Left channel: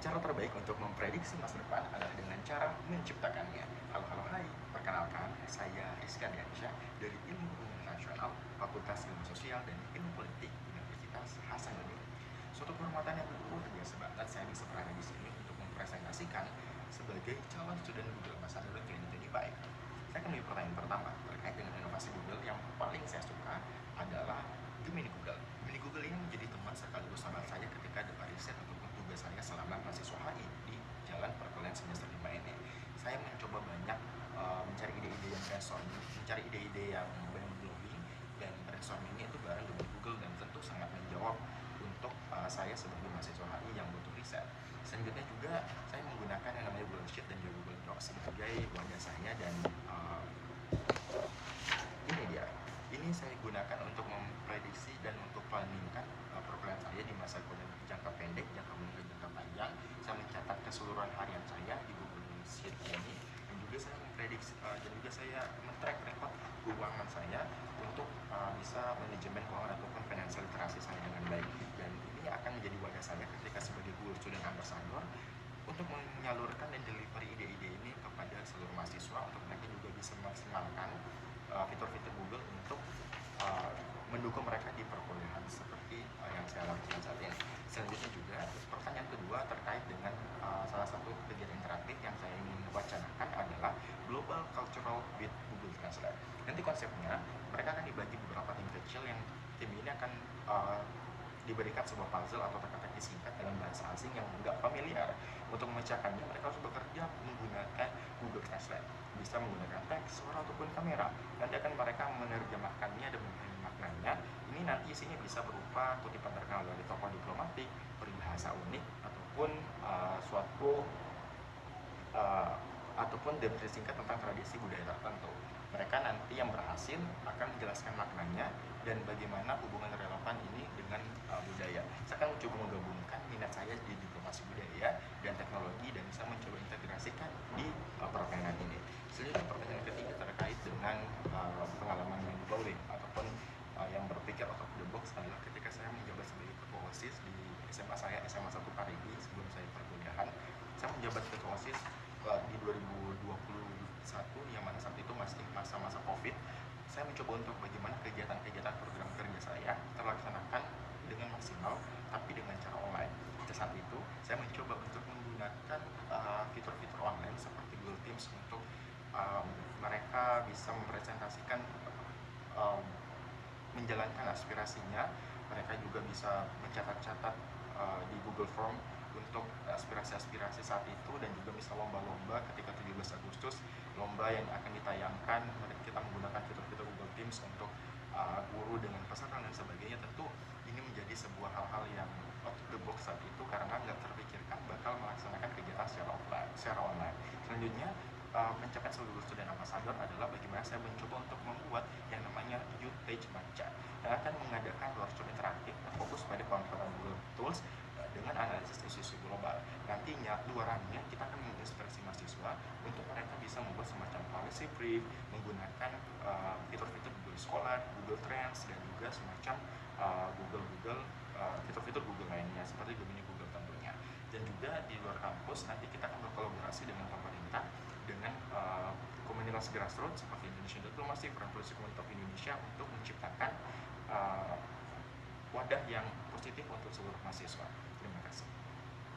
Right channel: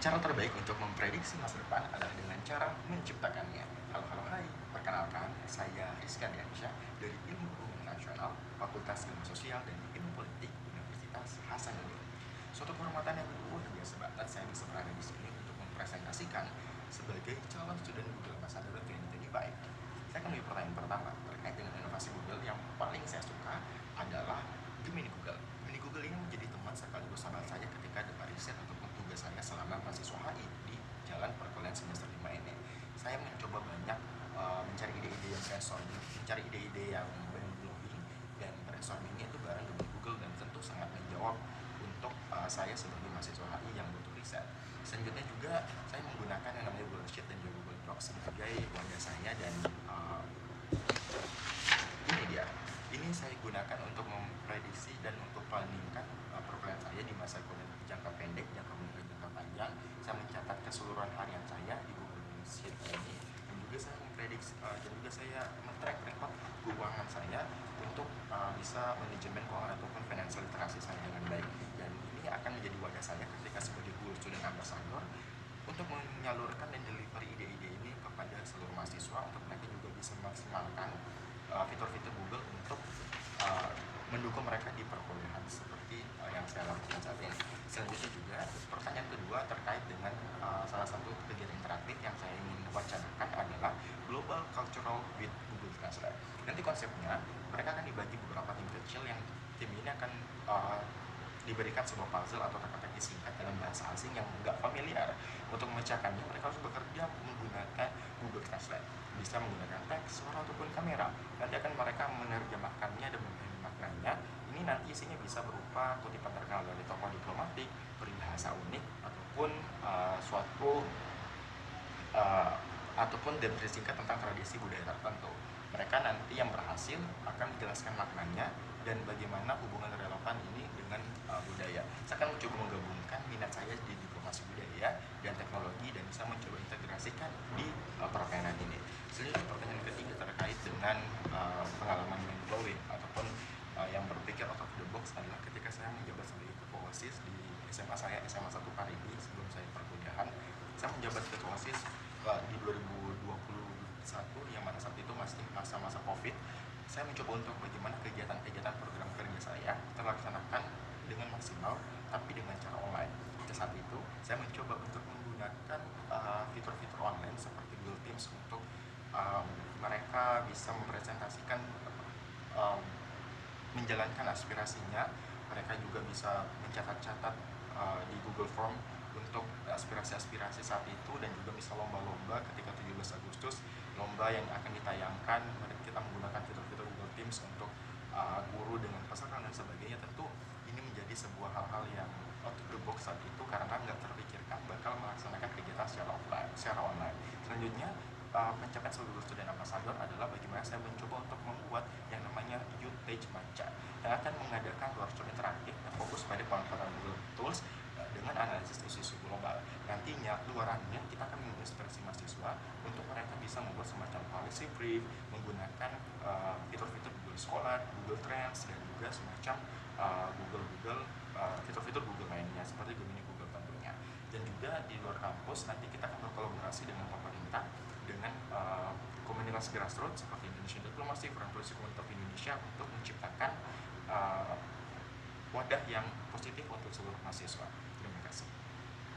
Cara terbaik untuk memprediksi masa depan adalah dengan cara menciptakannya. Halo hai, perkenalkan saya Rizka Diansyah dari Ilmu Hubungan Nasional, Fakultas Ilmu Sosial dan Ilmu Politik Universitas Hasanuddin. Suatu kehormatan yang luar biasa banget saya bisa berada di sini untuk mempresentasikan sebagai calon student Google Ambassador 2025. Saya kembali pertanyaan pertama terkait dengan inovasi Google yang paling saya suka adalah Gemini Google. Gemini Google ini menjadi teman sekaligus sahabat saya ketika ada riset ataupun tugas saya selama mahasiswa HI di jalan perkuliahan semester 5 ini. Saya mencoba banyak mencari ide-ide yang brainstorming, mencari ide-ide yang brainstorming, dan brainstorming itu bareng dengan Google dan tentu sangat menjawab untuk saya sebagai mahasiswa HI yang butuh riset. Selanjutnya juga saya menggunakan yang namanya Google Sheet dan Google Docs sebagai wadah saya dan ini dia. Ini saya gunakan untuk memprediksi dan untuk planningkan program saya di masa jangka pendek, jangka menengah, jangka panjang. Saya mencatat keseluruhan harian saya di Google Sheet ini, dan juga saya memprediksi dan juga saya men-track record keuangan saya untuk bisa manajemen keuangan ataupun financial literasi saya dengan baik. Dan ini akan menjadi wadah saya ketika sebagai Google Student Ambassador untuk menyalurkan dan delivery ide-ide ini kepada seluruh mahasiswa untuk mereka juga bisa memaksimalkan fitur-fitur Google untuk mendukung mereka di perkuliahan seperti yang saya lakukan saat ini. Selanjutnya juga pertanyaan kedua terkait dengan salah satu kegiatan interaktif yang saya ingin wacanakan adalah Global Cultural with Google Translate. Nanti konsepnya mereka akan dibagi beberapa tim kecil yang tim ini akan diberikan sebuah puzzle atau teka-teki singkat dalam bahasa asing yang nggak familiar. Untuk memecahkannya mereka harus bekerja menggunakan Google Translate, bisa menggunakan teks, suara ataupun kamera. Nanti akan mereka menerjemahkannya dan memahami maknanya. Ini nanti isinya bisa berupa kutipan terkenal dari tokoh diplomatik, peribahasa unik, ataupun ataupun deskripsi singkat tentang tradisi budaya tertentu. Mereka nanti yang berhasil akan menjelaskan maknanya dan bagaimana hubungan relevan ini dengan budaya. Saya akan mencoba menggabungkan minat saya di diplomasi budaya dan teknologi dan bisa mencoba integrasikan di permainan ini. Selanjutnya pertanyaan ketiga terkait dengan pengalaman mind blowing ataupun yang berpikir out of the box adalah ketika saya menjabat sebagai ketua OSIS di SMA saya, SMA 1 Paribi sebelum saya perkuliahan. Saya menjabat ketua OSIS di 2021 yang pada saat itu masih masa-masa COVID. Saya mencoba untuk bagaimana kegiatan-kegiatan program kerja saya terlaksanakan dengan maksimal tapi dengan cara online. Pada saat itu saya mencoba untuk menggunakan fitur-fitur online seperti Google Teams untuk mereka bisa mempresentasikan menjalankan aspirasinya. Mereka juga bisa mencatat-catat di Google Form untuk aspirasi-aspirasi saat itu, dan juga bisa lomba-lomba ketika 17 Agustus, lomba yang akan ditayangkan. Kita menggunakan fitur-fitur Google Teams untuk guru dengan peserta dan sebagainya. Tentu ini menjadi sebuah hal-hal yang out of the box saat itu karena nggak terpikirkan bakal melaksanakan kegiatan secara online. Selanjutnya pencapaian seluruh student ambassador adalah bagaimana saya mencoba untuk membuat yang namanya Youth Page Baca yang akan mengadakan workshop interaktif yang fokus pada pemanfaatan Google Tools dengan analisis isu-isu global. Nantinya luarannya kita akan menginspirasi mahasiswa untuk mereka bisa membuat semacam policy brief menggunakan fitur-fitur Google Scholar, Google Trends, dan juga semacam fitur-fitur Google lainnya seperti Google tentunya. Dan juga di luar kampus nanti kita akan berkolaborasi dengan pemerintah, dengan komunitas grassroots seperti Indonesian Diplomacy, Friendship untuk Indonesia untuk menciptakan wadah yang positif untuk seluruh mahasiswa.